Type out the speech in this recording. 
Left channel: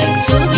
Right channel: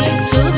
you.